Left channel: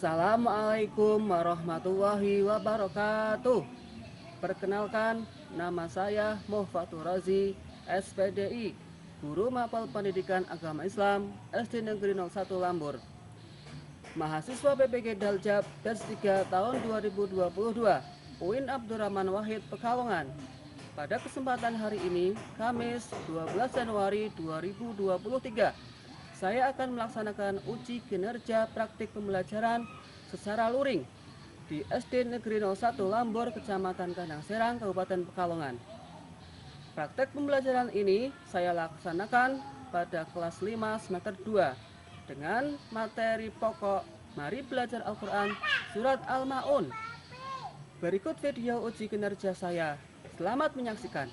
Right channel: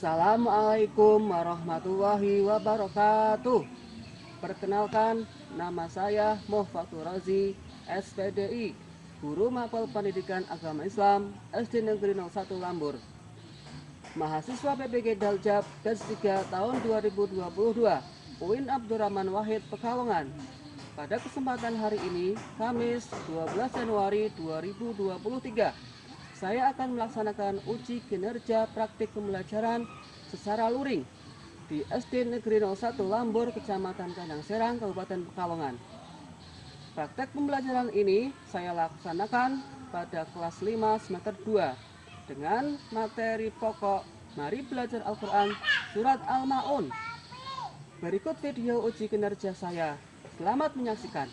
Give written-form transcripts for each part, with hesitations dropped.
Assalamualaikum warahmatullahi wabarakatuh. Perkenalkan, nama saya Muhfatur Razi, SPDI, Guru Mapel Pendidikan Agama Islam, SD Negeri 01 Lambur. Mahasiswa PPG Daljab batch 3 tahun 2022, UIN Abdurrahman Wahid Pekalongan. Pada kesempatan hari ini, Kamis 12 Januari 2023, saya akan melaksanakan uji kinerja praktik pembelajaran secara luring di SD Negeri 01 Lambur, Kecamatan Kandang Serang, Kabupaten Pekalongan. Praktek pembelajaran ini saya laksanakan pada kelas 5 semester 2 dengan materi pokok Mari Belajar Al-Quran Surat Al-Ma'un. Berikut video uji kinerja saya. Selamat menyaksikan.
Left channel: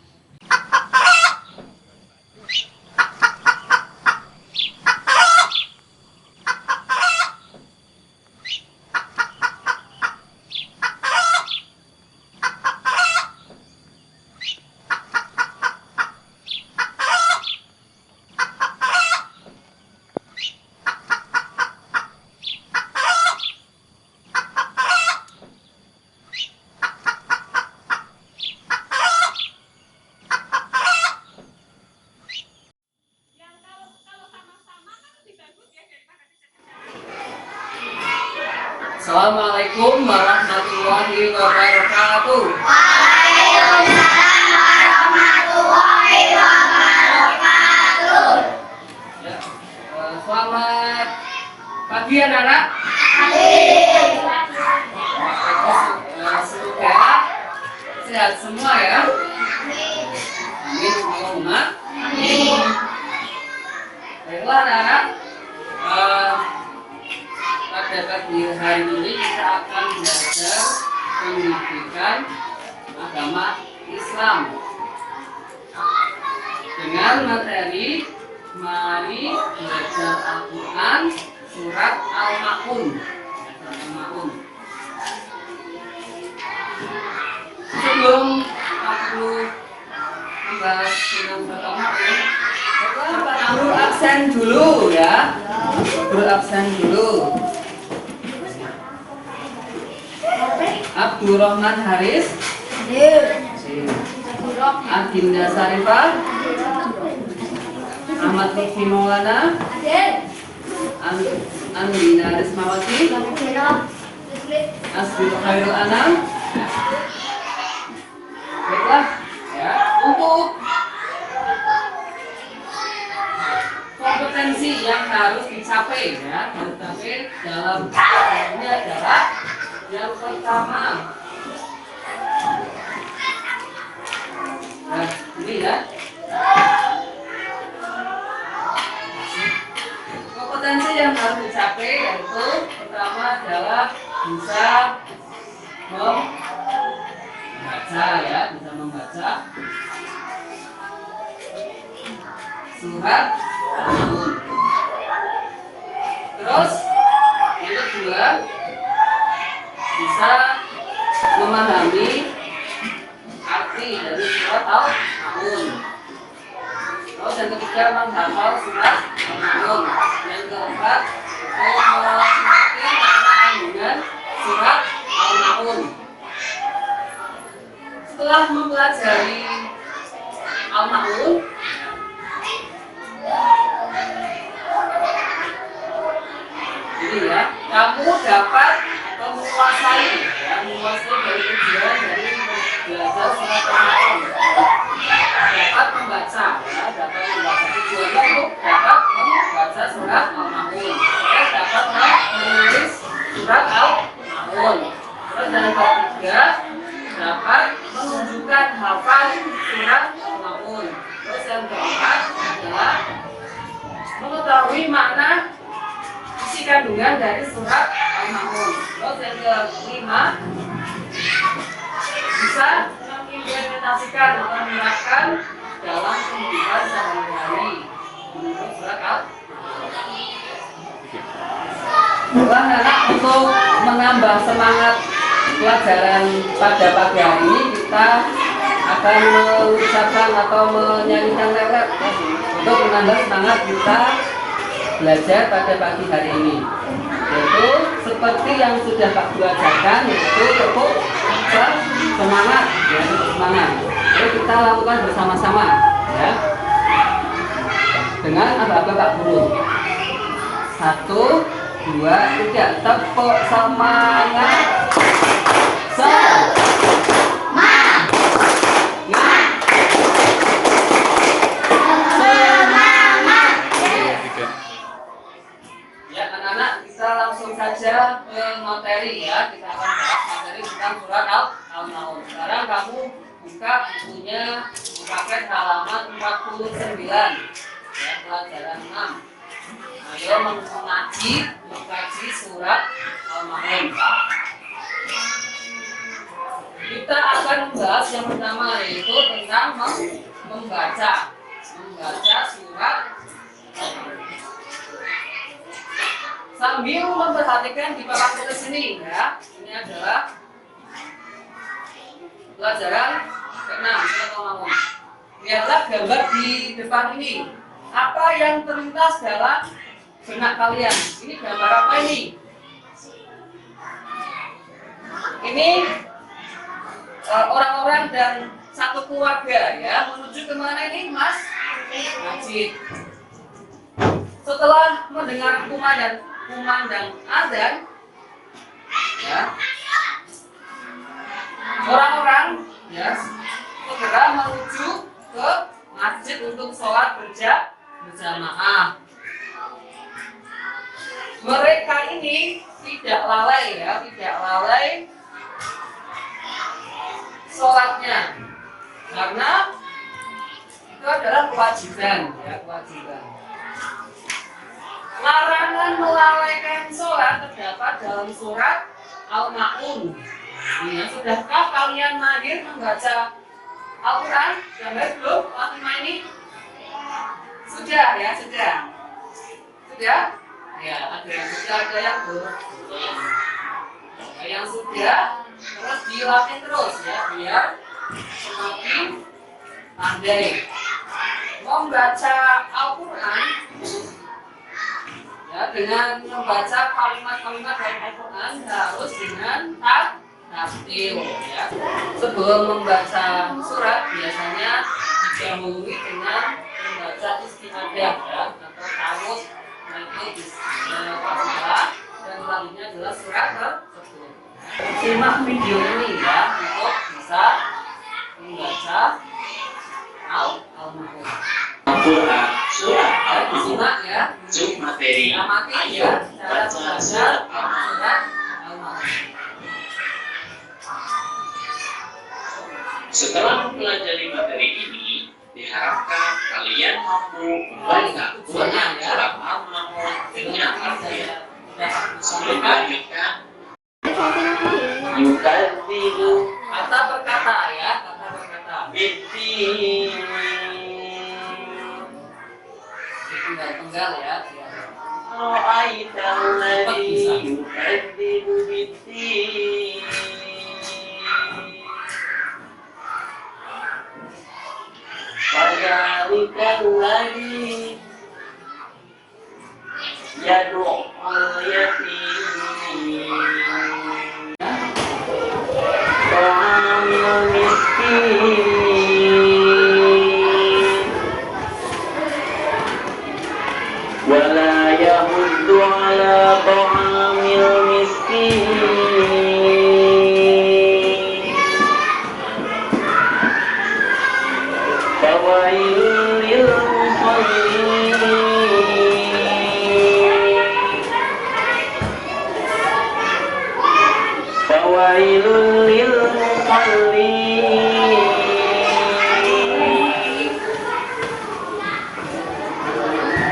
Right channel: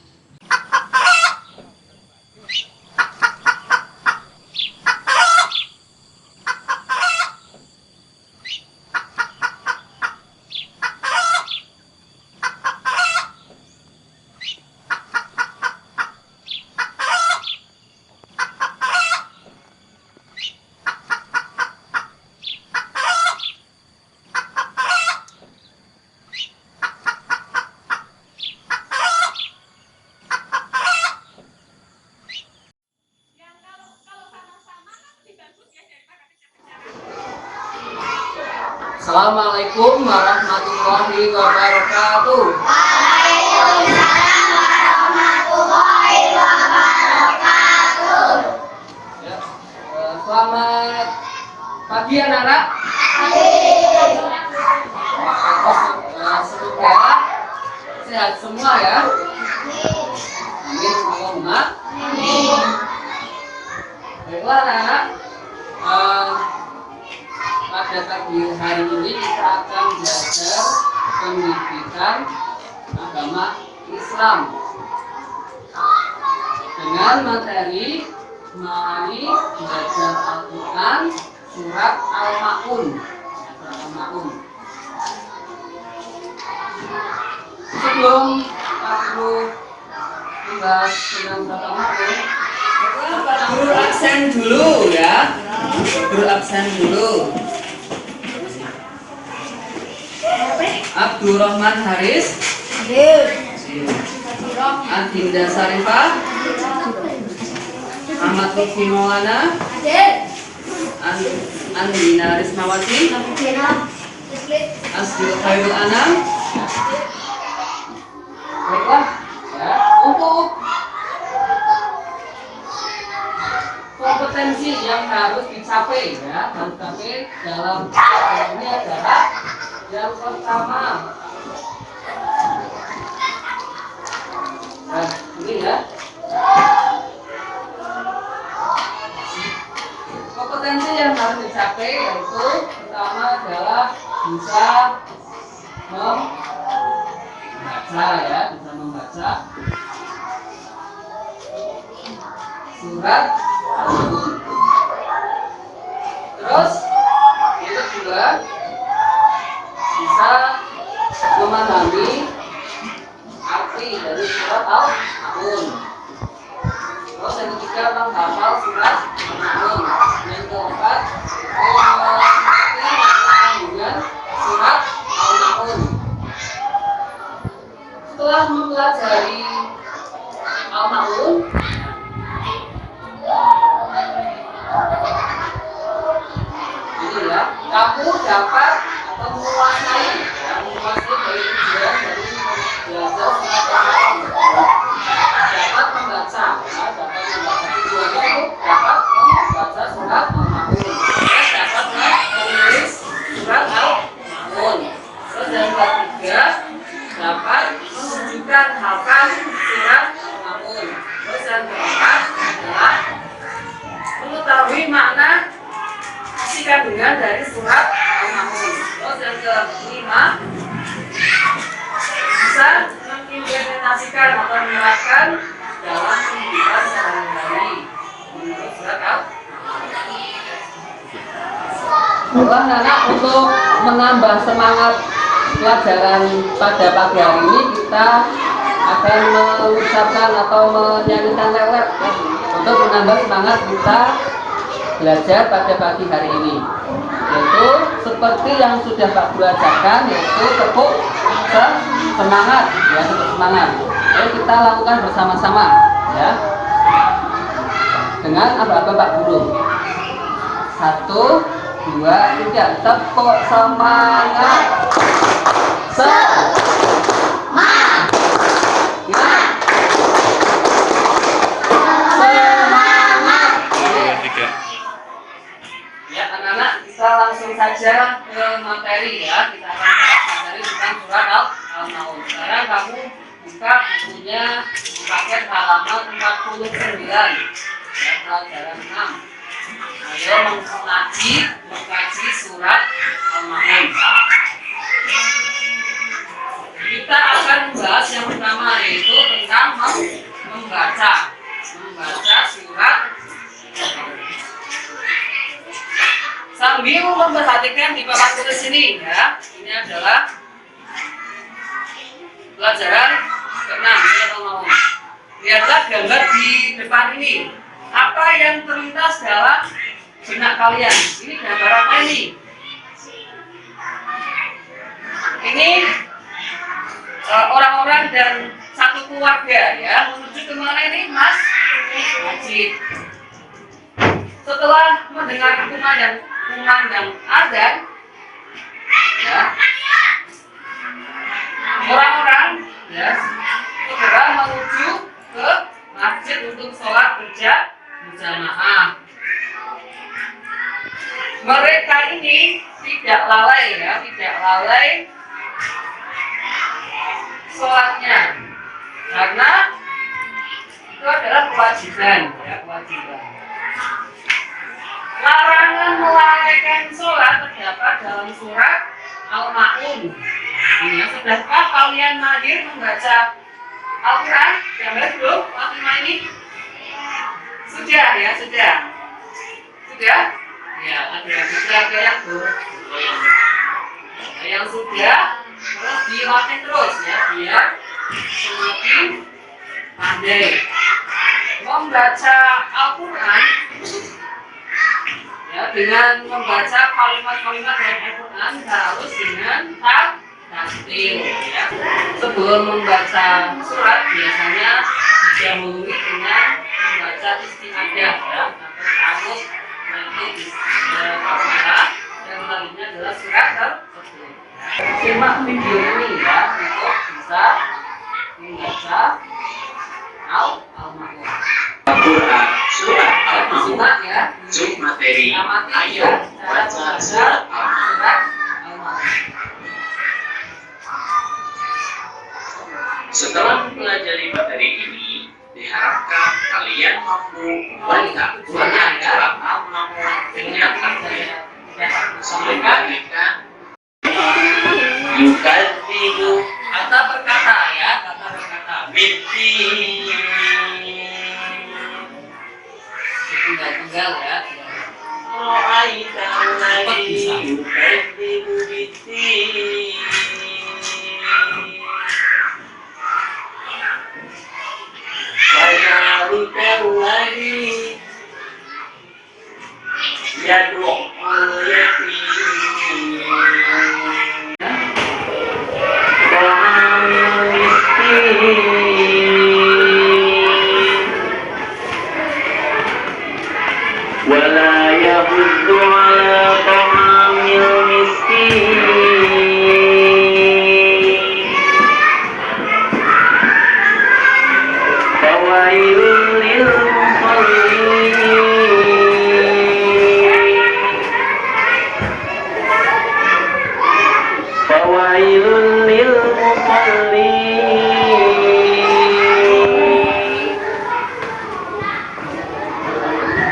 Assalamualaikum warahmatullahi wabarakatuh. Waalaikumsalam warahmatullahi wabarakatuh. Selamat pagi anak-anak. Semoga sehat semua ya. Amin Allahumma. Baiklah anak-anak. Pada pagi hari ini kita akan belajar pendidikan agama Islam dengan materi Mari Belajar Al-Quran Surat Al-Ma'un. Sebelum aku membahas tentang Surat Al-Ma'un, guru absen dulu ya. Guru absen dulu. Abdurrahman Haris, Adinda Sarifah, Ahmad Lutfi Maulana, Andina Rismawati, Asdul Khairul Anam. Baiklah ya, untuk kompetensi yang harus dicapai ya, dalam ini adalah yang pertama. Nah, ini ya. Kompetensi yang harus dicapai yaitu pertama adalah bisa membaca ya, bisa membaca surat Al-Ma'un. Terus yang kedua bisa memahami arti dari surat Al-Ma'un. Terus yang ketiga menghafal surat Al-Ma'un. Yang keempat mengerti makna kandungan surat Al-Ma'un. Setelah mempelajari Al-Ma'un, ini ya, kamu dapat atau menguasai dari tujuan dari belajar surat Al-Ma'un. Dapat membaca ya, tujuannya untuk dapat membaca surat Al-Ma'un. Terus dapat menulis surat Al-Ma'un. Terus yang ketiga dapat menunjukkan hafal surat Al-Ma'un. Terus yang keempat adalah mengetahui makna isi kandungan dari surat Al-Ma'un. Terus yang kelima bisa mengimplementasikan atau menerapkan dalam kehidupan sehari-hari menurut surat Al-Ma'un. Anak untuk menambah semangat pelajaran pada pagi hari ini, kita akan mengucapkan atau menyanyikan lelet untuk menambah semangat kita belajar pada pagi hari ini. Yaitu seperti yang sudah Pak Guru ajarkan, yaitu tepuk semangat, ya, tepuk semangat. Jadi kita lakukan bersama-sama, ya, dengan aba-aba Pak Guru. 1, 2, 3, tepuk semangat. Ya, anak-anak, kita langsung saja ke materi, ya. Kita akan bahas materi tentang surat Al-Maun. Sekarang kamu buka bukunya, paket halaman 49, ya, pelajaran 6. Ayo mengkaji surat Al-Maun. Kita akan membahas yang pertama, yaitu tentang membaca surat Al-Maun. Sambil memperhatikan di papan tulis ini, ya. Ini adalah pelajaran ke-6 surat Al-Maun. Lihatlah gambar di depan ini. Apa yang terlintas dalam benak kalian? Ini gambar apa ini? Ini orang-orang dan satu keluarga, ya, menuju kemana ini, Mas? Masjid. Setelah mendengar kumandang azan, ya, orang-orang, ya, segera menuju ke masjid untuk sholat berjamaah. Mereka ini tidak lalai, ya, tidak lalai sholatnya, karena itu adalah kewajiban, ya, kewajiban. Larangan melalaikan sholat terdapat dalam surat Al-Maun. Ya, sudahkah kalian mahir membaca Al-Quran? Gambar belum? Fatimah ini? Sudah, ya, sudah. Sudah? Ya, ada yang sudah, ada yang belum. Yang sudah, terus dilatih terus, ya, biar semakin pandai membaca Al-Quran. Ya, dengan membaca kalimat-kalimat dari Al-Quran harus dengan tartil, ya. Sebelum membaca surat biasanya didahului dengan membaca isti'adzah, ya, atau ta'awudz, nanti bismillah, dan selanjutnya adalah surat tersebut. Simak video ini, ya, untuk bisa membaca Al-Maun. Al-Quran surat Al-Maun. Ya, Cuk materi. amati, Ayo ya, cara baca membaca surat surat Al-Maun. Setelah mempelajari materi ini, diharapkan kalian mampu membaca surat Al-Maun dengan artian. Selanjutnya, yukadzibu Kata berkata, ya, kata berkata. binti Tunggal, ya. ra'aita alladhi yukadzibu binti fadzalika alladhi yad'ul yatim ta'amul miskin wala yahuddu ala ta'amil miskin fawailul lil musallin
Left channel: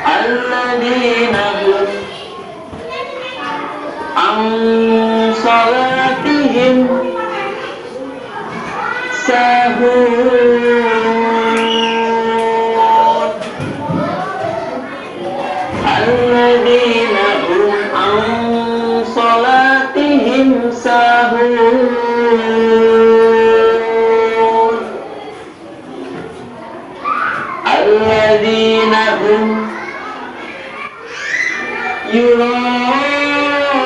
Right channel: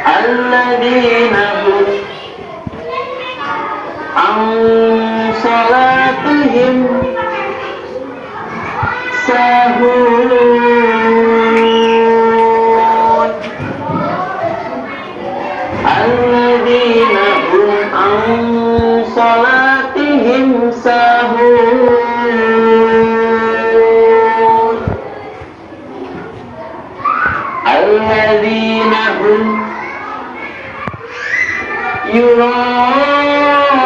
alladzina hum an salatihim sahun alladzina hum an salatihim sahun alladzina hum yura'un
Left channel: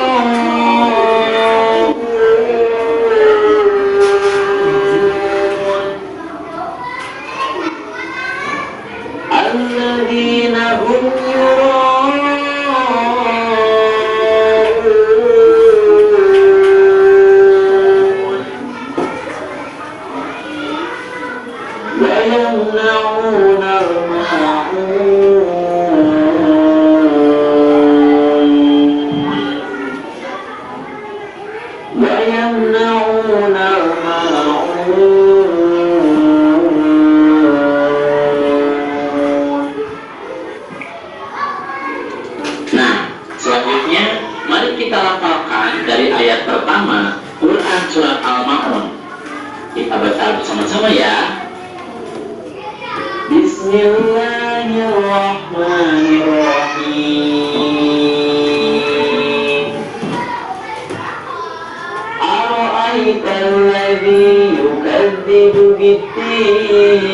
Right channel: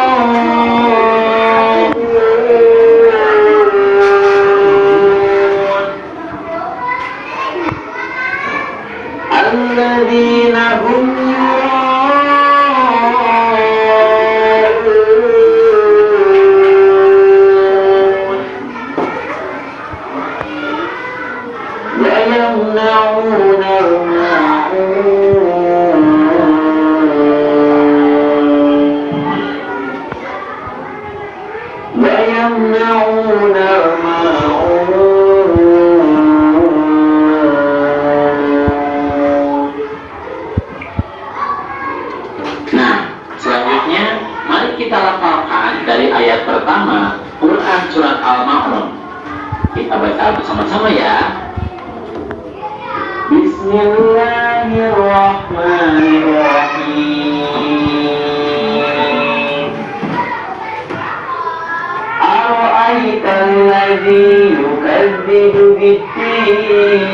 Kita baca bersama-sama ya. Bismillahirrahmanirrahim. Ara'aital ladzi yukadzibu bid-din.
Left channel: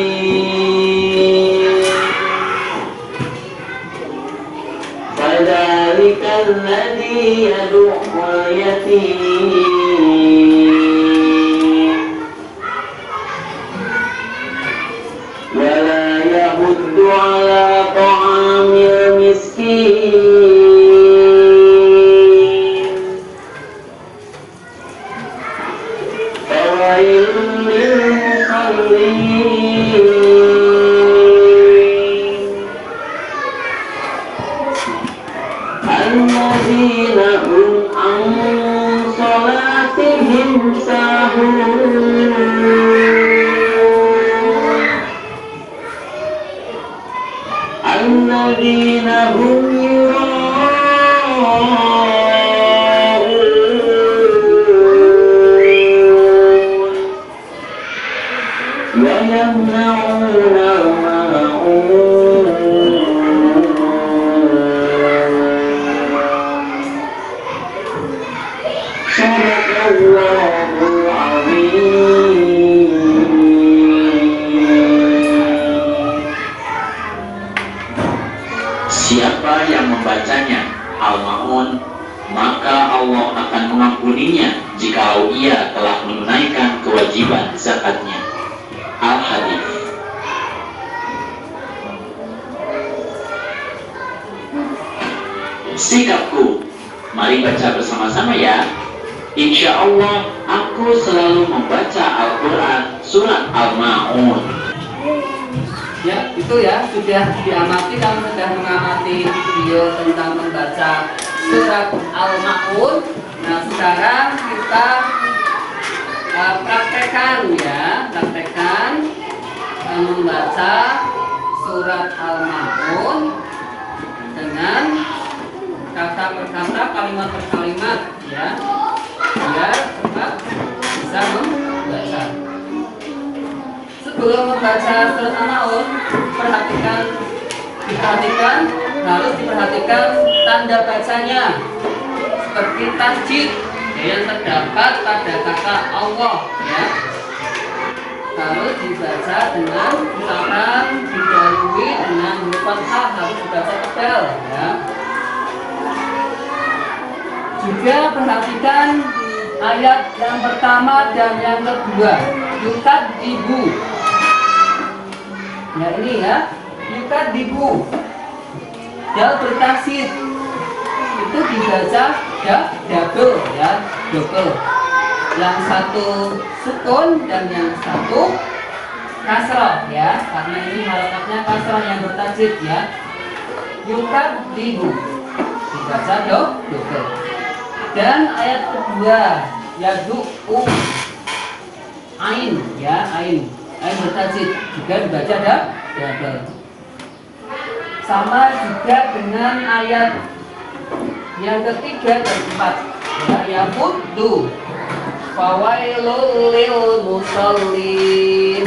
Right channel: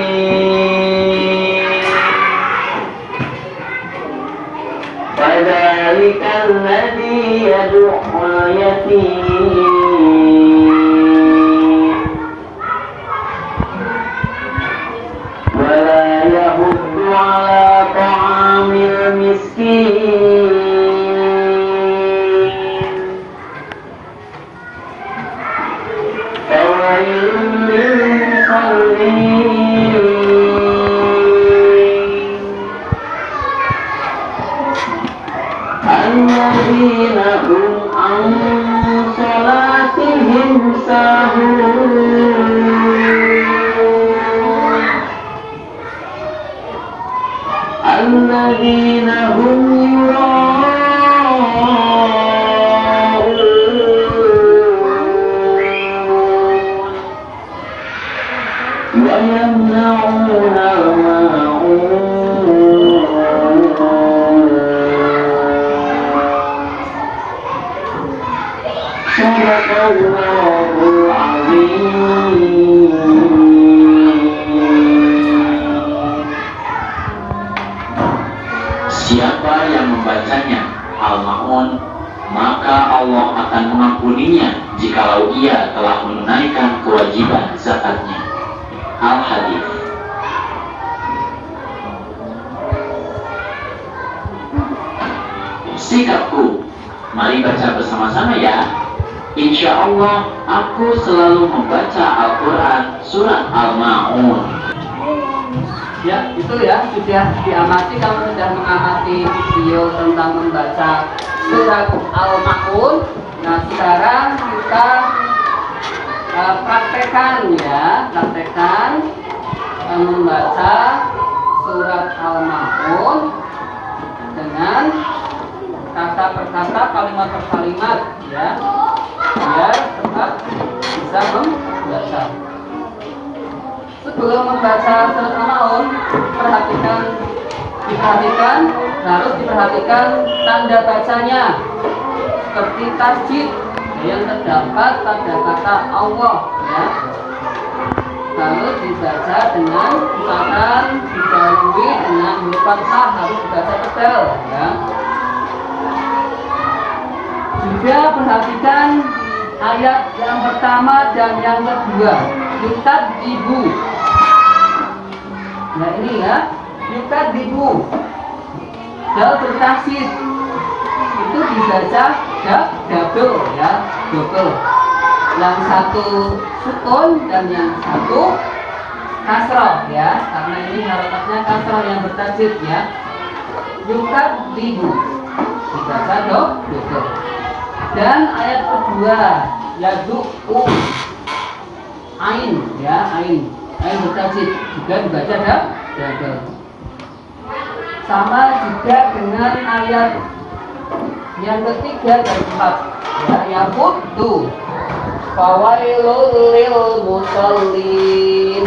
Fadzalikal ladzi yad'ul yatim. ولا يحض على طعام المسكين فويل للمصلين الذين هم عن صلاتهم ساهون الذين هم يراءون ويمنعون الماعون صدق الله العظيم. Siapa yang membacanya Al-Ma'un, maka Allah akan mengampuninya jikalau ia telah menunaikan kewajiban zakatnya. Al-Hadis. Sikapku, mari baca bersama-sama ya. Insya Allah aku selalu membaca Al-Quran surat Al-Ma'un. Ya, itu ya sudah diamati, kamu sudah mengamati video tentang membaca surat Al-Ma'un. Nah, sekarang kita praktekkan ya, membaca surat Al-Ma'un dengan kata per kata, kalimat per kalimat ya, biar cepat bisa membaca. Sebelum membaca surat Al-Ma'un, harus diperhatikan tanda bacanya seperti tasjid yang terdapat pada kata Allah ya. Harus dibaca dengan misalkan didahului dengan huruf fathah, harus dibaca tebal ya. Juga perhatikan ayat yang pertama dan yang kedua, yukadzibu. Ya ini ya, yukadzibu. Dal bertasid itu dibaca double ya, double. Yang satu sukun dan yang satu kasroh ya, karena ini harokatnya kasroh yang bertasid ya. Yukadzibu dibaca double. Dan ayat kedua yadu'u, ain ya, ain bertasid juga dibaca double. Sama juga dengan ayat yang ketiga dan keempat ya, yaquddu fawailul lil musallin.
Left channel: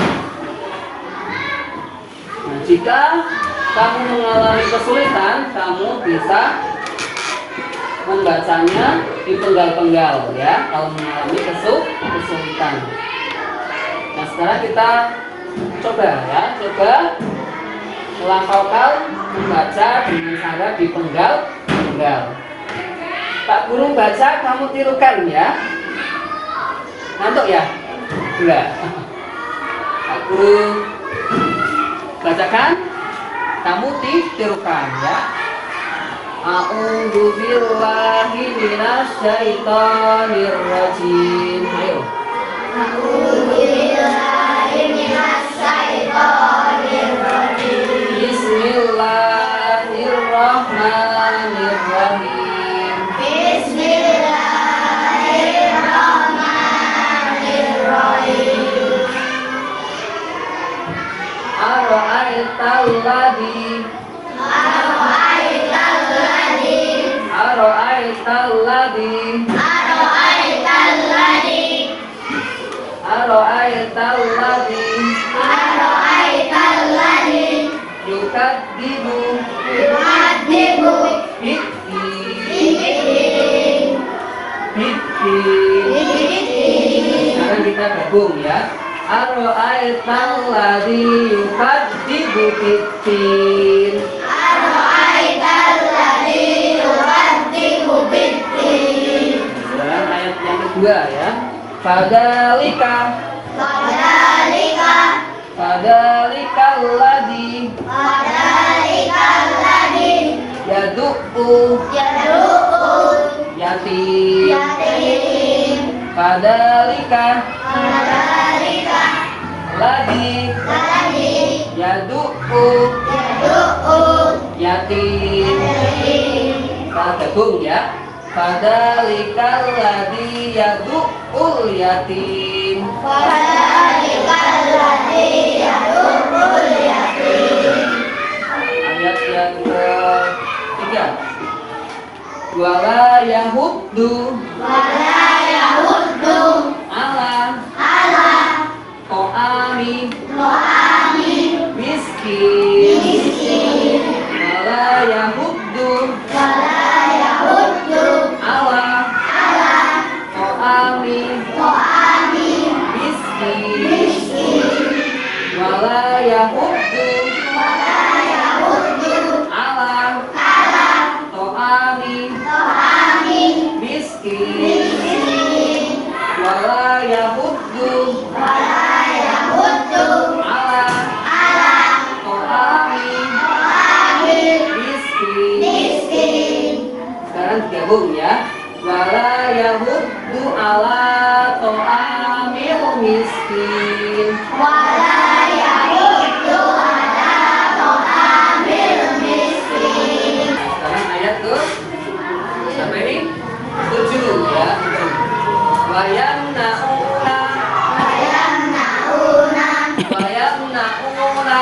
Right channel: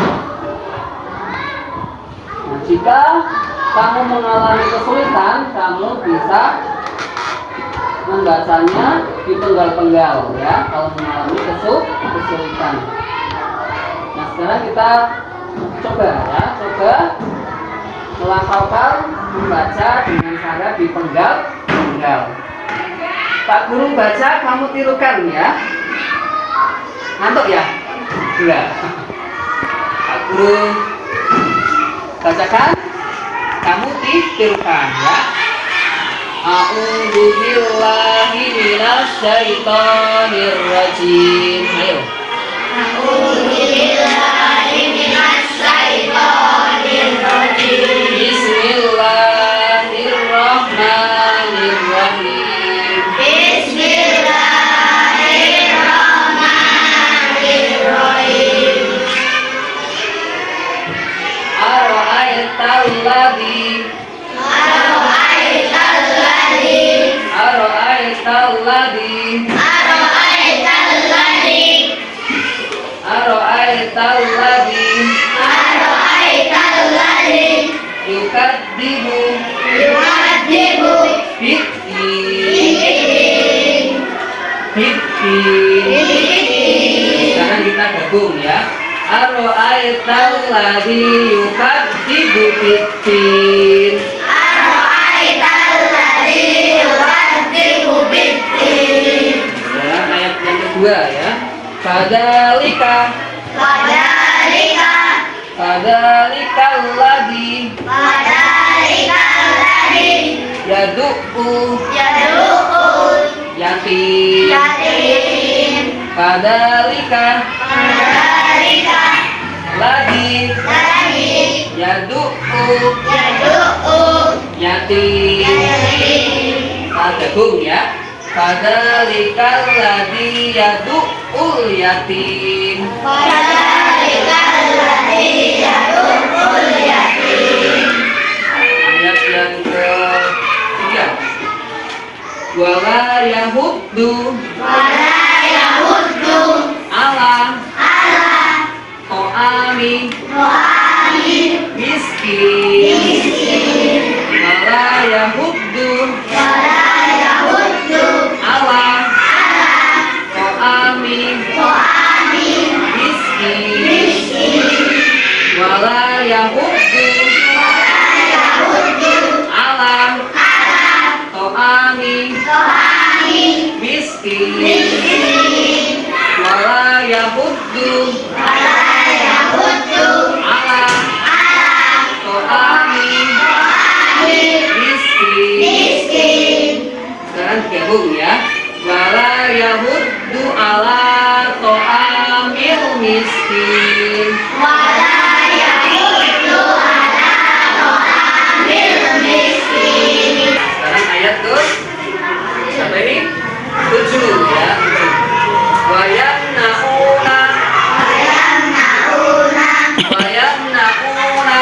Nah, jika kamu mengalami kesulitan, kamu bisa membacanya di penggal-penggal ya, kalau mengalami kesulitan. Nah, sekarang kita coba melafalkan membaca dengan cara di penggal-penggal. Pak Guru baca, kamu tirukan ya. Ngantuk ya? Enggak. Pak Guru bacakan, kamu tirukan ya. A'udzu billahi minasy syaithanir rajim. Ayo. A'udzu billahi minasy syaithanir rajim. Bismillahirrahmanirrahim. Bismillahirrahmanirrahim. Ara'aital ladzi Ara'aital ladzi Hitin. Hitin. Sekarang kita gabung ya. Aro'aital ladzi yukadzibu biddin. Dalam ayat yang kedua ya. Fadzalika ladzi yad'u yatim. Fadzalika ladzi yad'u yatim. Kita gabung ya. Fadzalikal ladzi yad'ul yatim. Ayat yang ketiga. Wala yahuddu ala ta'ami miskin. Wala yahuddu ala ta'ami miskin. Wala yahuddu ala ta'ami miskin. Wala yahuddu ala ta'ami miskin. Sekarang gabung ya. Wala yahuddu ala ta'amil miskin. Sekarang ayat tuh sampai ini 7 ya. Wayamnauna ma'un. Wayamnauna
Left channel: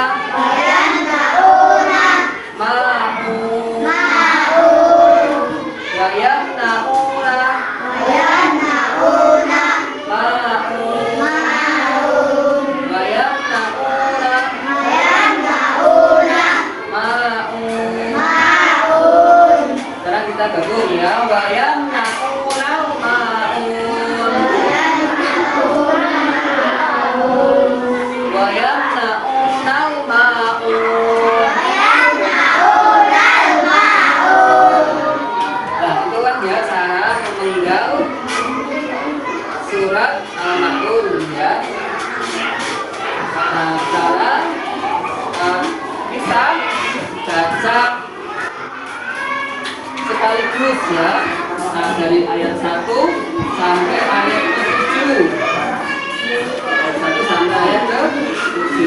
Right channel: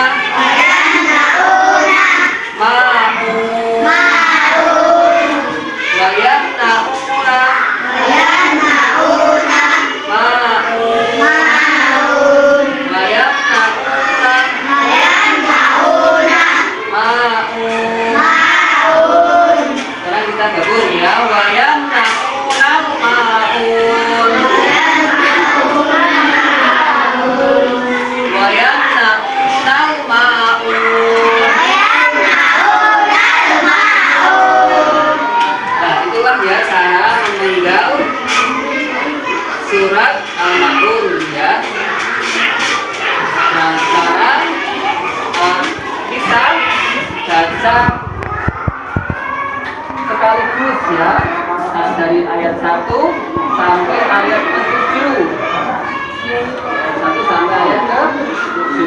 ma'un. Ma'un. Sekarang kita gabung ya. Wayamnauna ma'un. Wayamnauna ma'un. Nah, itulah ya cara memenggal surat Al-Ma'un ya. Nah, sekarang kita baca sekaligus ya. Nah, dari ayat 1 sampai ayat ke-7. Ayat 1 sampai ayat ke-7.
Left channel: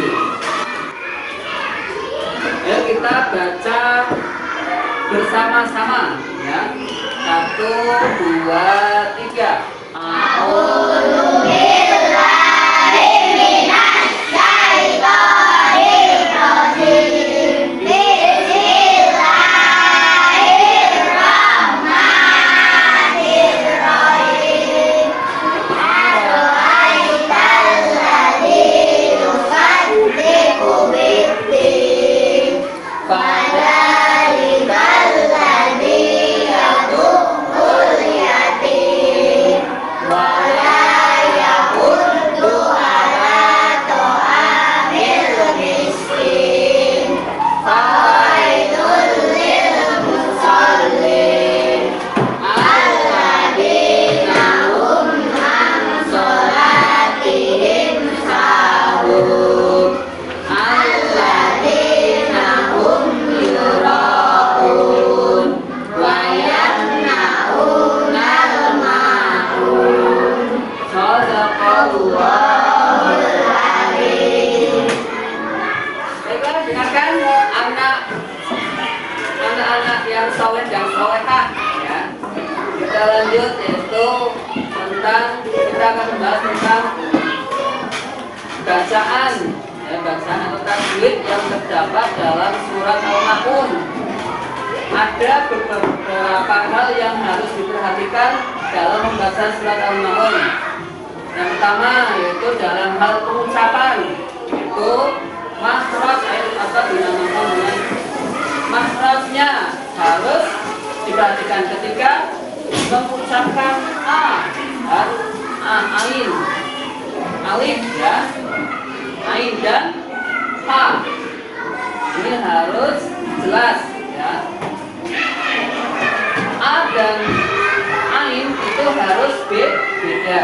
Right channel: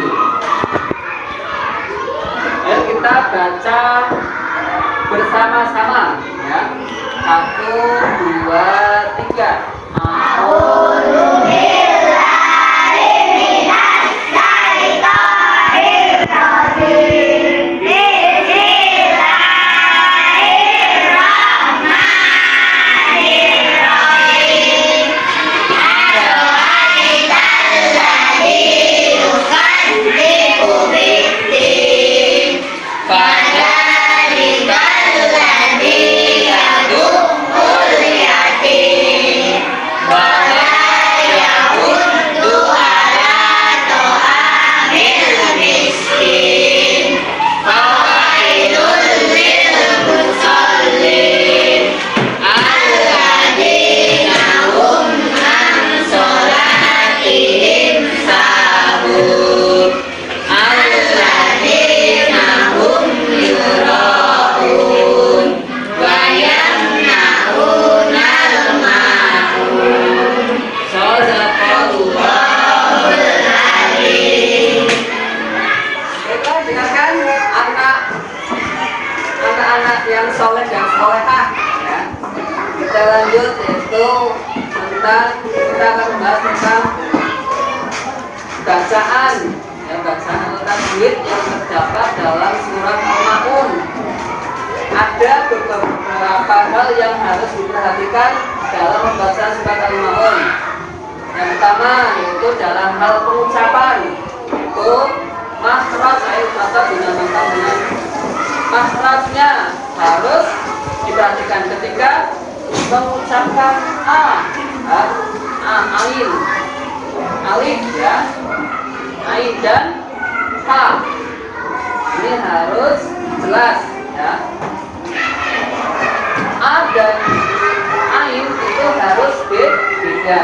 Ayo kita baca bersama-sama ya. 1, 2, 3. Anak-anak yang soleh dan solehah ya. Kita lanjut yaitu tentang kita akan membahas tentang bacaan ya, bacaan atau tajwid yang terdapat dalam surat Al-Ma'un. Ada beberapa hal yang harus diperhatikan dalam membaca surat Al-Ma'un. Yang pertama yaitu dalam hal pengucapan, itu makhraj atau dinamakan dengan makhrajnya harus Diperhatikan ketika mengucapkan ain, alif ya, ain dan ha. Ini harus jelas ya. A dan ain itu harus beda.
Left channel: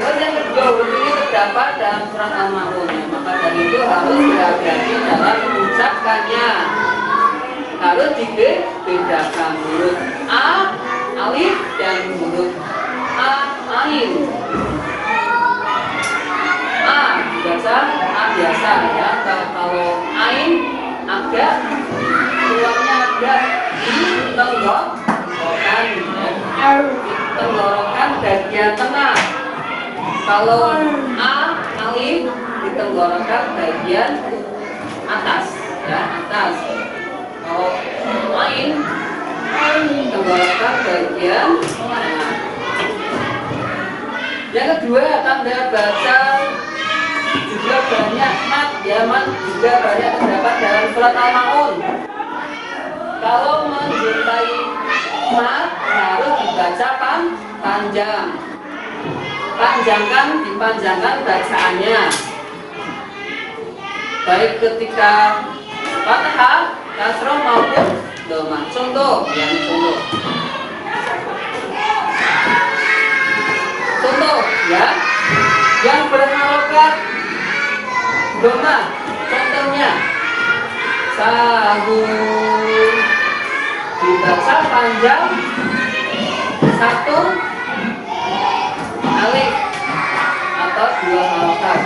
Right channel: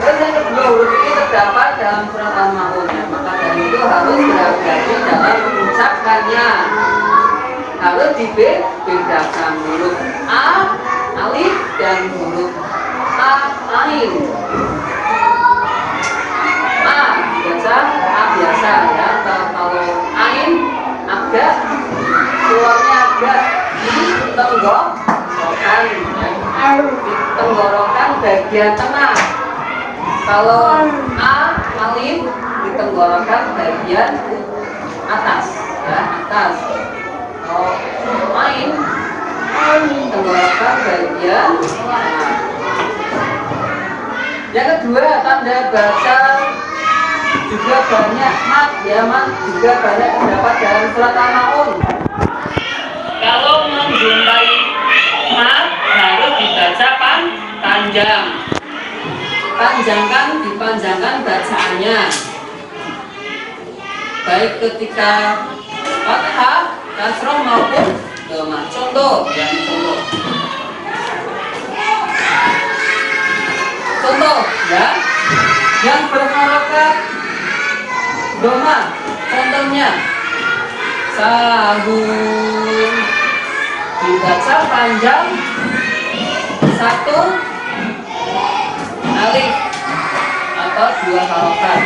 Terus yang kedua, huruf ini terdapat dalam surat Al-Ma'un ya. Maka dari itu harus berhati-hati dalam mengucapkannya. Harus dibedakan huruf A, alif dan huruf A, ain. A baca A biasa ya. Kalau ain agak keluarnya agak ditenggorokan ya. Tenggorokan bagian tengah. Kalau A, alif ditenggorokan bagian atas ya, atas. Kalau ain tenggorokan bagian tengah. Yang kedua, tanda baca juga banyak mat ya, mat juga banyak terdapat dalam surat Al-Ma'un. Kalau menjumpai mat harus dibaca panjang. Dipanjangkan bacaannya. Baik ketika fathah, kasroh maupun dhammah. Contoh ya, yang berharokat dhammah. Contohnya sahur dibaca panjang satu alif atau dua harokat.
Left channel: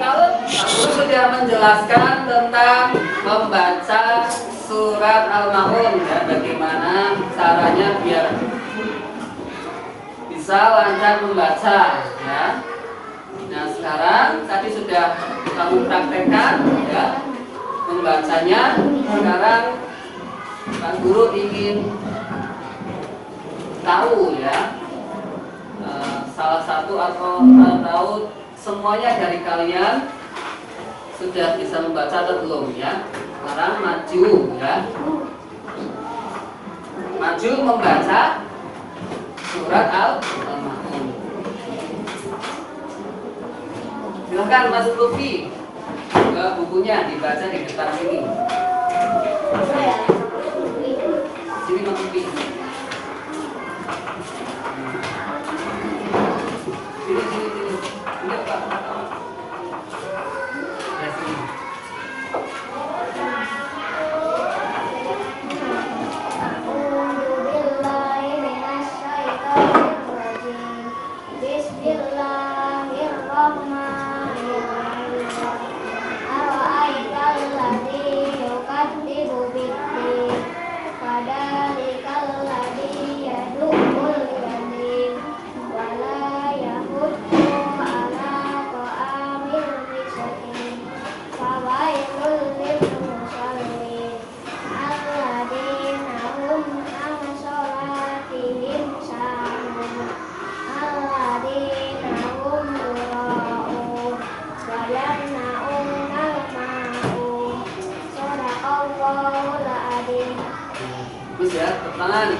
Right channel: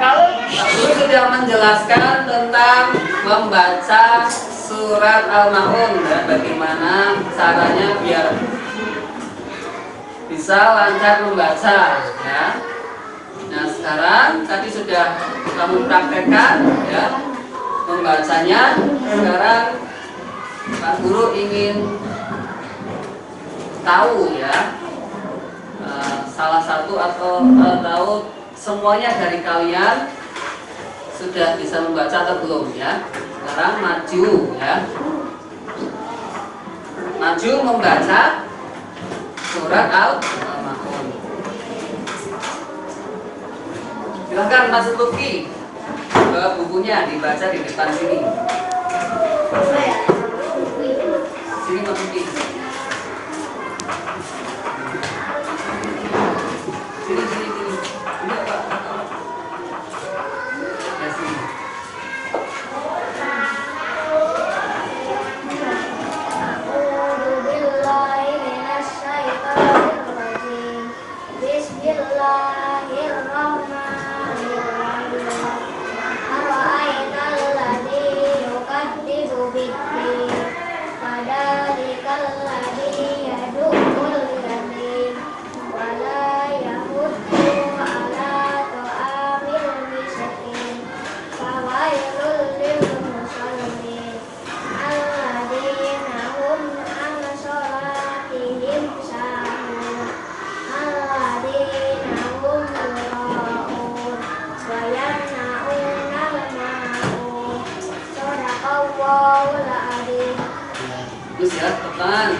Kalau Guru sudah menjelaskan tentang membaca surat Al-Ma'un dan bagaimana caranya biar bisa lancar membaca ya. Nah sekarang tadi sudah kamu praktekkan ya membacanya. Sekarang Pak Guru ingin tahu ya, salah satu atau tahu semuanya dari kalian sudah bisa membaca atau belum ya. Sekarang maju ya, maju membaca surat Al-Ma'un. Silahkan Mas Luki ke bukunya, dibaca di depan sini. Sini Mas Luki. Sini. Enggak Pak. Ya sini. Bagus ya, teman.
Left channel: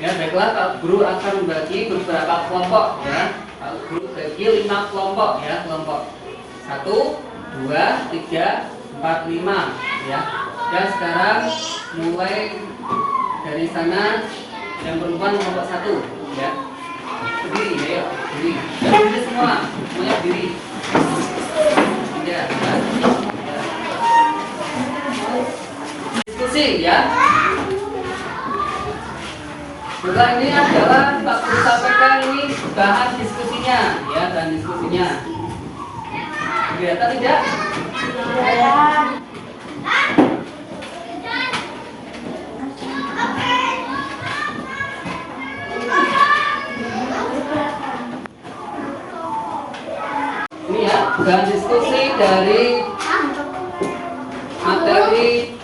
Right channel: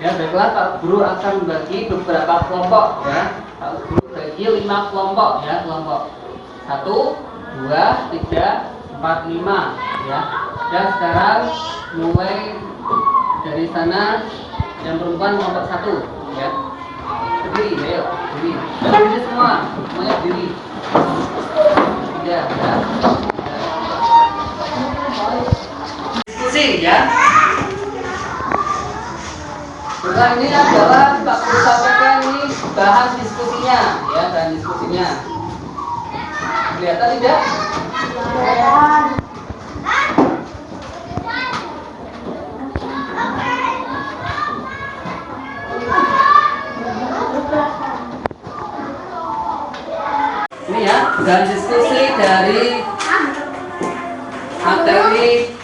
Ya, baiklah Pak Guru akan bagi beberapa kelompok ya. Pak Guru bagi 5 kelompok ya, kelompok 1, 2, 3, 4, 5 ya. Dan sekarang mulai dari sana yang perempuan kelompok 1 ya. Berdiri, ayo, berdiri. Berdiri semua, semuanya berdiri. Ya. Diskusi ya. Setelah ini adalah Pak Guru sampaikan ini bahan diskusinya ya, dan diskusinya. Kelihatan tidak? Kelihatan. Ini ya, bahan diskusi dari materi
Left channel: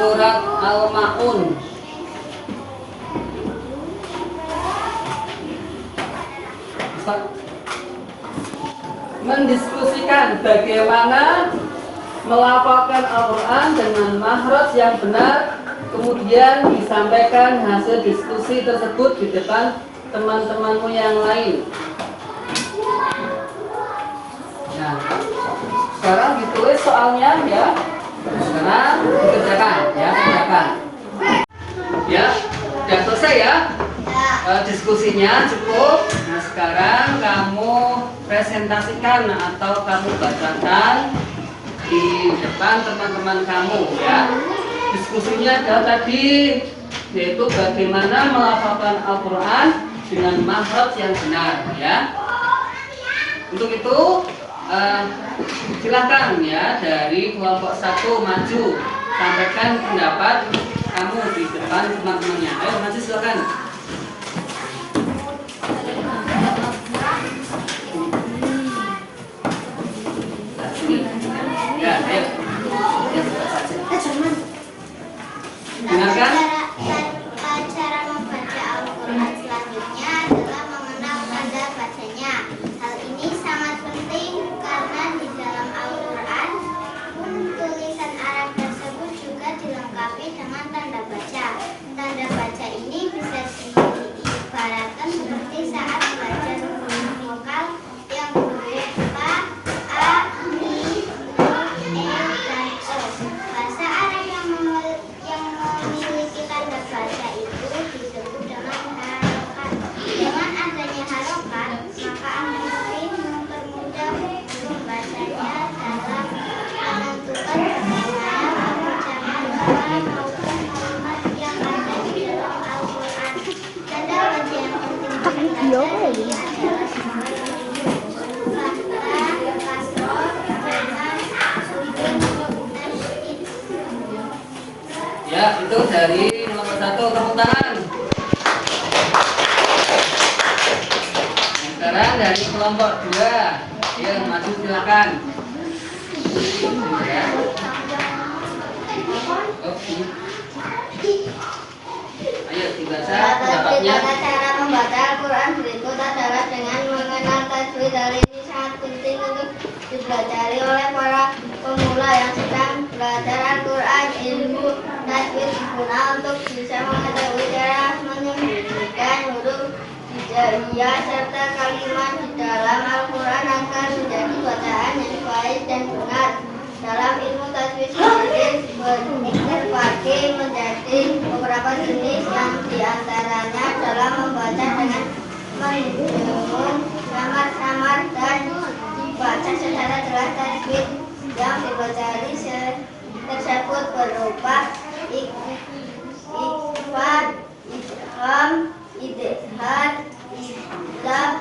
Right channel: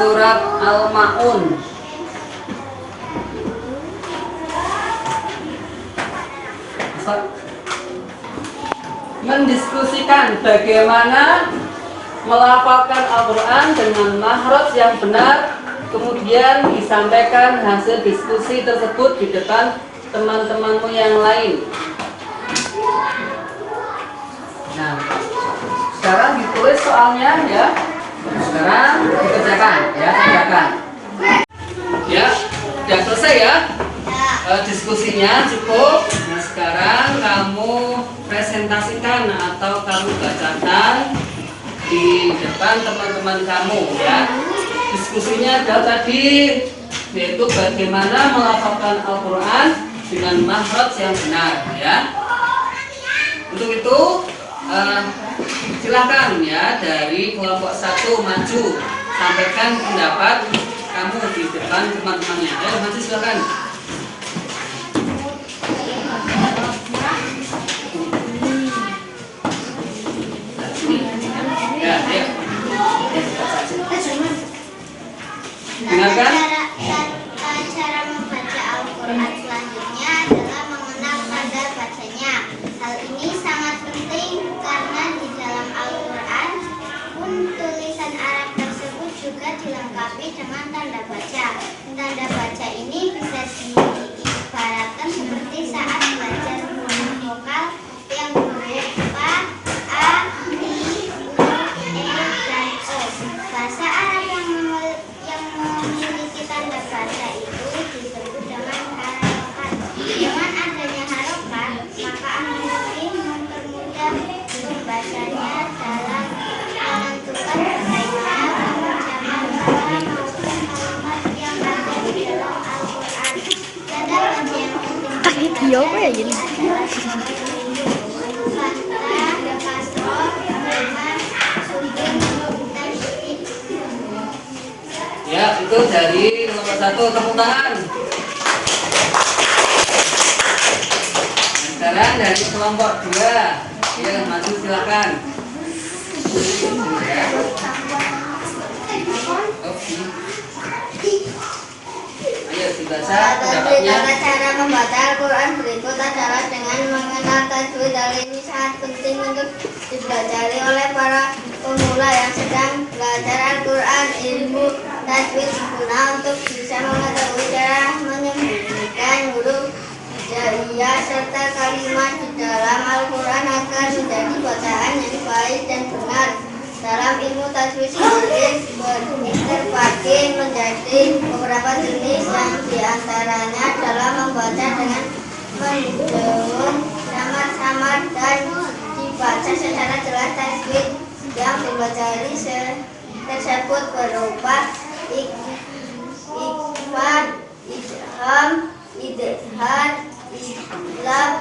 surat Al-Ma'un. Mendiskusikan bagaimana melafalkan Al-Quran dengan makhraj yang benar, kemudian disampaikan hasil diskusi tersebut di depan teman-temanmu yang lain. Nah, sekarang ditulis soalnya ya. Sekarang dikerjakan ya, kerjakan. Ya, sudah selesai ya. Diskusinya cukup. Nah, sekarang kamu presentasikan atau kamu bacakan di depan teman-teman kamu ya. Diskusinya adalah tadi, yaitu bagaimana melafalkan Al-Quran dengan makhraj yang benar ya. Untuk itu silahkan ya, dari kelompok 1 maju, sampaikan pendapat kamu di depan teman-temannya. Ayo maju silahkan. Ya, ayo. Dengarkan. Cara membaca Al-Quran selanjutnya adalah mengenal tanda bacanya. Hal ini sangat penting karena di dalam Al-Quran pun tulisan Arab tersebut juga dilengkapi dengan tanda baca. Tanda baca ini bisa diibaratkan seperti saat belajar huruf vokal yang berupa A, I, U, E, dan O. Bahasa Arab yang memiliki tanda baca itu disebut dengan harokat. Dengan adanya harokat, maka An-Nawawi mempermudah pembacanya dalam menentukan bagaimana pengucapan kata maupun kalimat yang ada di dalam Al-Quran. Tanda baca yang penting adalah fathah, kasroh, dhammah, sukun, tasydid. Ya, itu dari kelompok 1, tepuk tangan. Sekarang dari kelompok 2, ya maju silakan. Ya. Oke. Ayo dibaca pendapatnya. Tata cara membaca Al-Quran berikut adalah dengan mengenal tajwid. Hal ini sangat penting untuk dipelajari oleh para pemula yang sedang belajar Al-Quran. Ilmu tajwid guna untuk bisa mengetahui cara menyembunyikan huruf hijaiyah serta kalimat di dalam Al-Quran agar menjadi bacaan yang baik dan benar. Dalam ilmu tajwid sendiri terbagi menjadi beberapa jenis, yang diantaranya dalam membaca dengan mendengung, samar-samar, dan dibaca secara jelas. Tajwid yang dipelajari tersebut berupa ikhfa, idgham, idhar, idlab,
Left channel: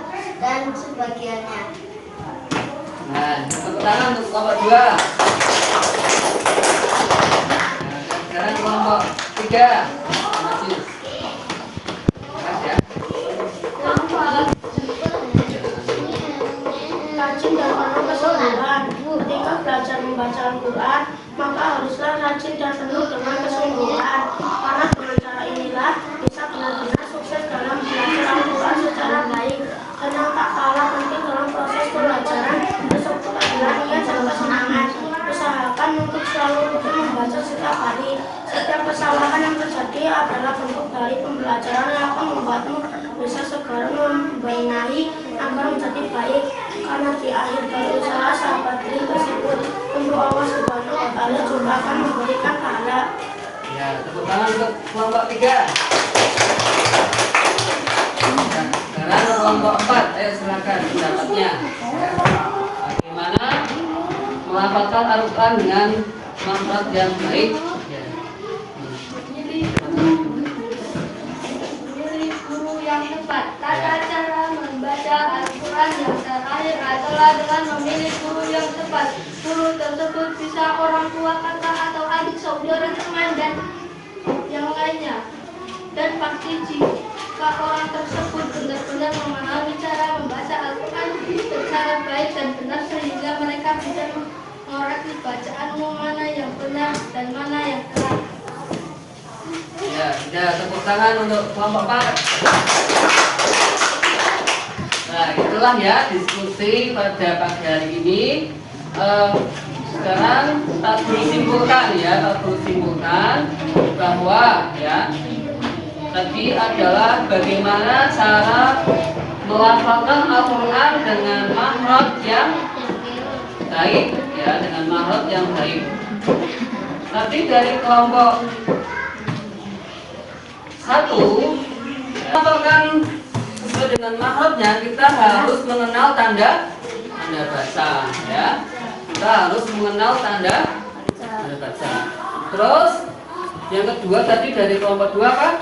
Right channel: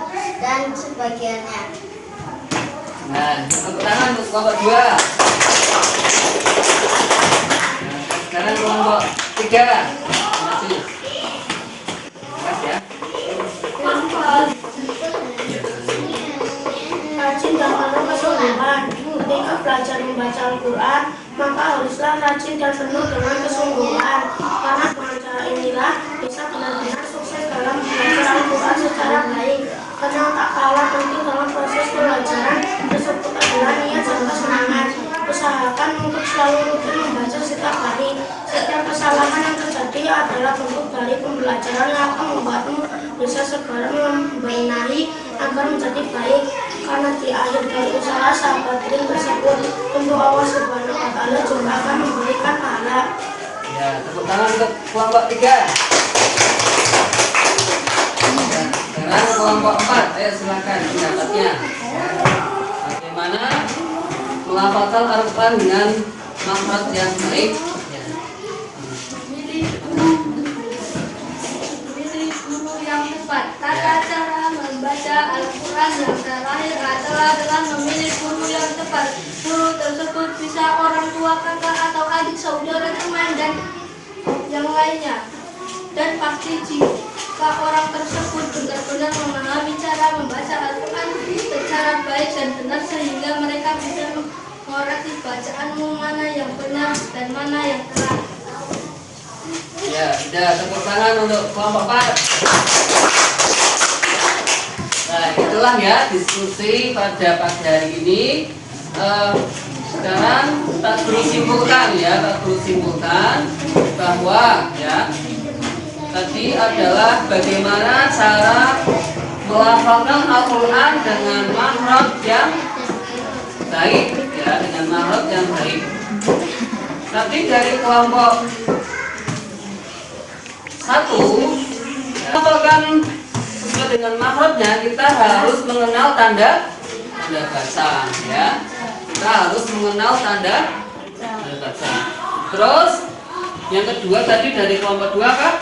dan sebagainya. Nah, tepuk tangan untuk kelompok 2. Nah, sekarang kelompok 3 maju. Mas ya. Rajin dan penuh kesungguhan. Ketika belajar membaca Al-Quran, maka haruslah rajin dan penuh dengan kesungguhan. Karena dengan cara inilah bisa benar-benar sukses dalam belajar Al-Quran secara baik. Karena tak kalah penting dalam proses pelajaran tersebut adalah niat serta semangat. Usahakan untuk selalu rutin membaca setiap hari. Setiap kesalahan yang terjadi adalah bentuk dari pembelajaran yang akan membuatmu bisa segera membenahi agar menjadi baik. Karena di akhir dari usaha sahabat kirim tersebut, tentu Allah Subhanahu wa Ta'ala juga akan memberikan pahala. Ya, tepuk tangan untuk kelompok 3. Sekarang kelompok 4, ayo silakan pendapatnya. Bagaimana melafalkan Al-Quran dengan makhraj yang baik? Memilih guru yang tepat. Tata cara membaca Al-Quran yang terakhir adalah dengan memilih guru yang tepat. Guru tersebut bisa orang tua, kakak atau adik, saudara, teman, dan yang lainnya. Dan pasti jika orang tersebut benar-benar memahami cara membaca Al-Quran secara baik dan benar, sehingga mereka bisa mengoreksi bacaanmu mana yang benar dan mana yang salah. Ya, sudah, tepuk tangan untuk kelompok 4. Nah, itu ulang ya diskusi pada pagi hari ini. Sekarang tak perlu simpulkan ya, tak perlu simpulkan bahwa ya tadi adalah bagaimana cara melafalkan Al-Quran dengan makhraj yang baik ya, dengan makhraj yang baik. Nanti dari kelompok 1 melafalkan sesuai dengan makhrajnya, kita harus mengenal tanda baca ya. Kita harus mengenal tanda baca. Terus yang kedua tadi dari kelompok 2 apa?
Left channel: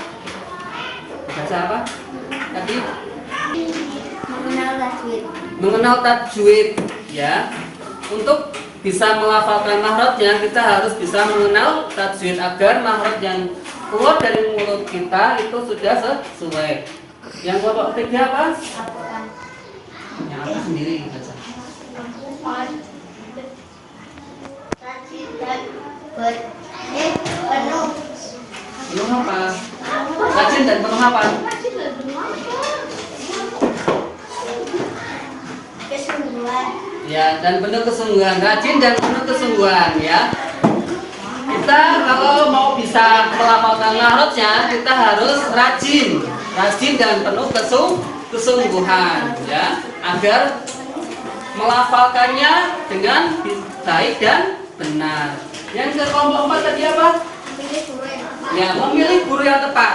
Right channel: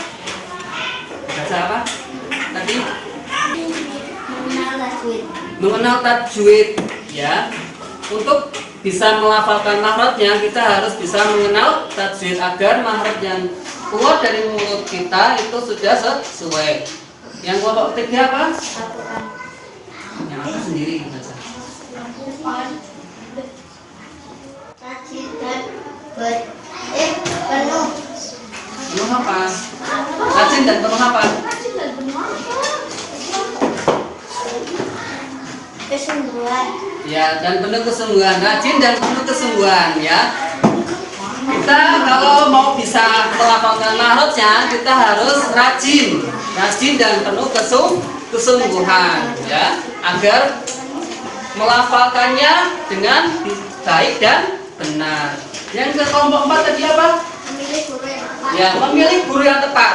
Baca apa? Tadi mengenal tajwid ya. Untuk bisa melafalkan makhrajnya, kita harus bisa mengenal tajwid agar makhraj yang keluar dari mulut kita itu sudah sesuai. Yang kelompok 3 apa? Yang apa sendiri baca? Penuh apa? Rajin dan penuh apa? Kesungguhan. Ya, dan penuh kesungguhan. Rajin dan penuh kesungguhan ya. Kita kalau mau bisa melafalkan makhrajnya, kita harus rajin dan penuh kesungguhan ya, agar melafalkannya dengan baik dan benar. Yang ke kelompok 4 tadi apa? Memilih guru yang tepat. Ya, memilih guru yang tepat.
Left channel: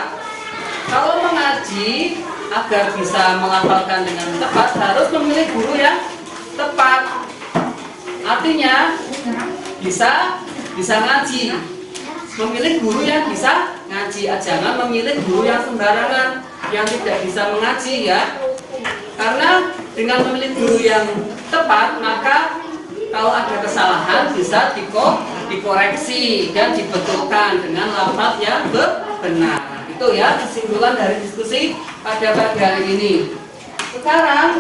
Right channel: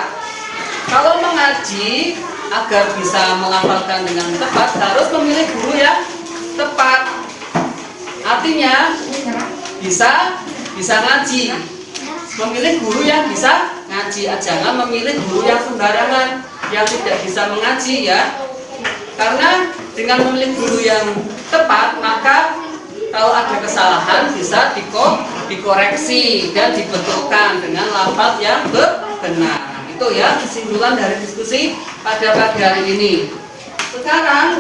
Kalau mengaji agar bisa melafalkan dengan tepat harus memilih guru yang tepat. Artinya bisa ngaji. Memilih guru yang bisa ngaji. Jangan memilih guru yang sembarangan, yang tidak bisa mengaji ya. Karena dengan memilih guru yang tepat, maka kalau ada kesalahan bisa dikoreksi dan dibetulkan dengan lafaz yang benar. Itu ya kesimpulan dari diskusi pada pagi hari ini. Sekarang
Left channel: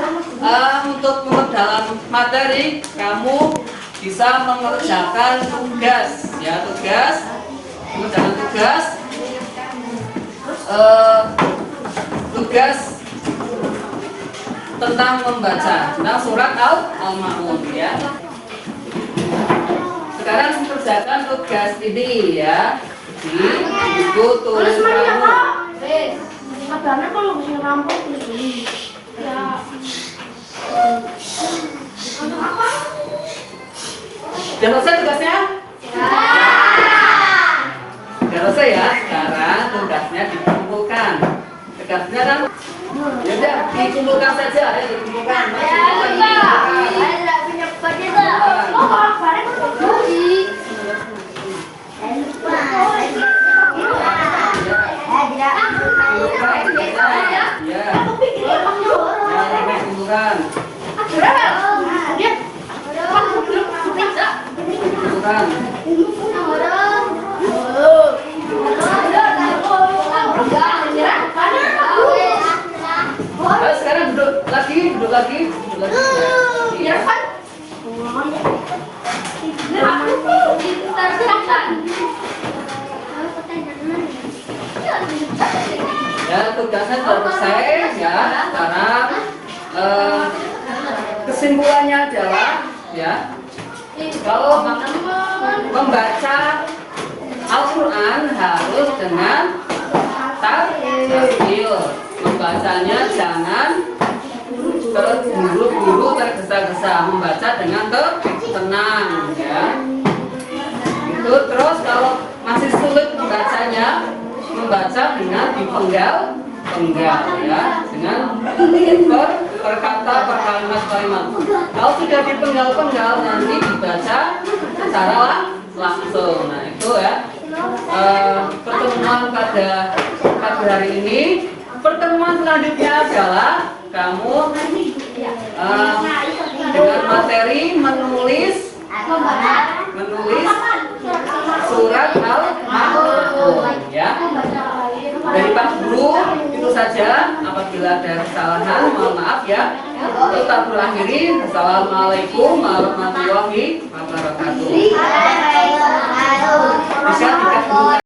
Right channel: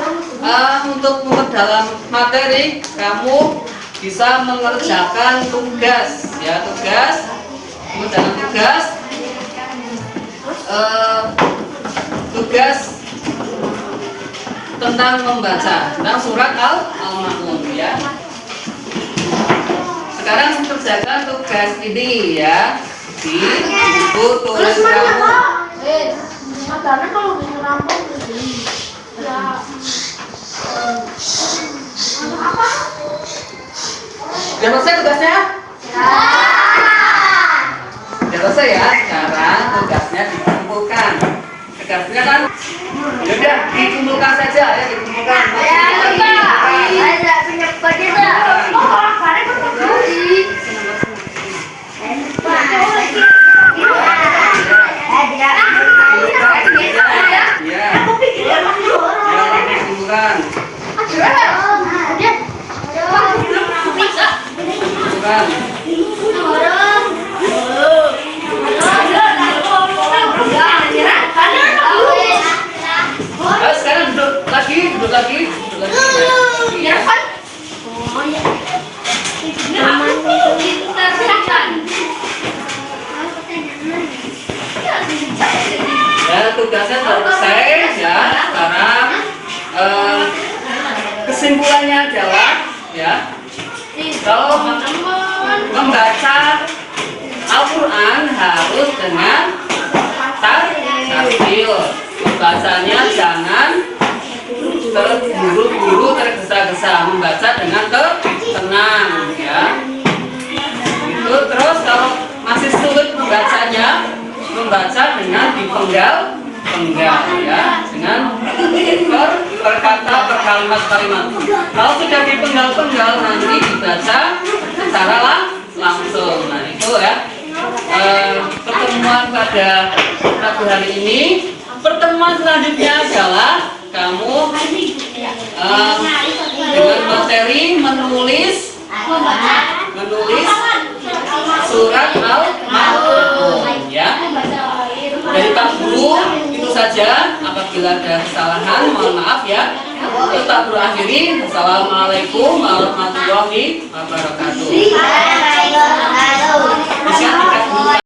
untuk memperdalam materi, kamu bisa mengerjakan tugas ya, mengerjakan tugas tentang membaca tentang surat Al-Ma'un ya. Sekarang kerjakan tugas ini ya di buku tulis kamu. Karena kalau bisa rampok begini. Sudah selesai tugasnya? Sudah selesai ya. Sekarang tugasnya dikumpulkan. Tugasnya kan, yaudah dikumpulkan saja ya, dikumpulkan. Sekarang duduk lagi. Ya kan? Ya, tugasnya selesai ya. Sekarang kesimpulannya adalah ya, kalau membaca Al-Quran harus dengan tartil. Membacanya jangan terburu-buru, tergesa-gesa. Membaca dengan tenang ya. Itu terus kalau masih sulit membacanya, membaca dengan dipenggal ya, dengan per kata, per kalimat. Kalau sudah dipenggal nanti dibaca secara langsung. Nah itu ya pertemuan pada pagi hari ini. Pertemuan selanjutnya adalah kamu dengan materi menulis surat Al-Ma'un ya. Dari Pak Guru itu saja. Apabila ada kesalahan mohon maaf ya. Kita berakhiri. Assalamualaikum warahmatullahi wabarakatuh. Bisa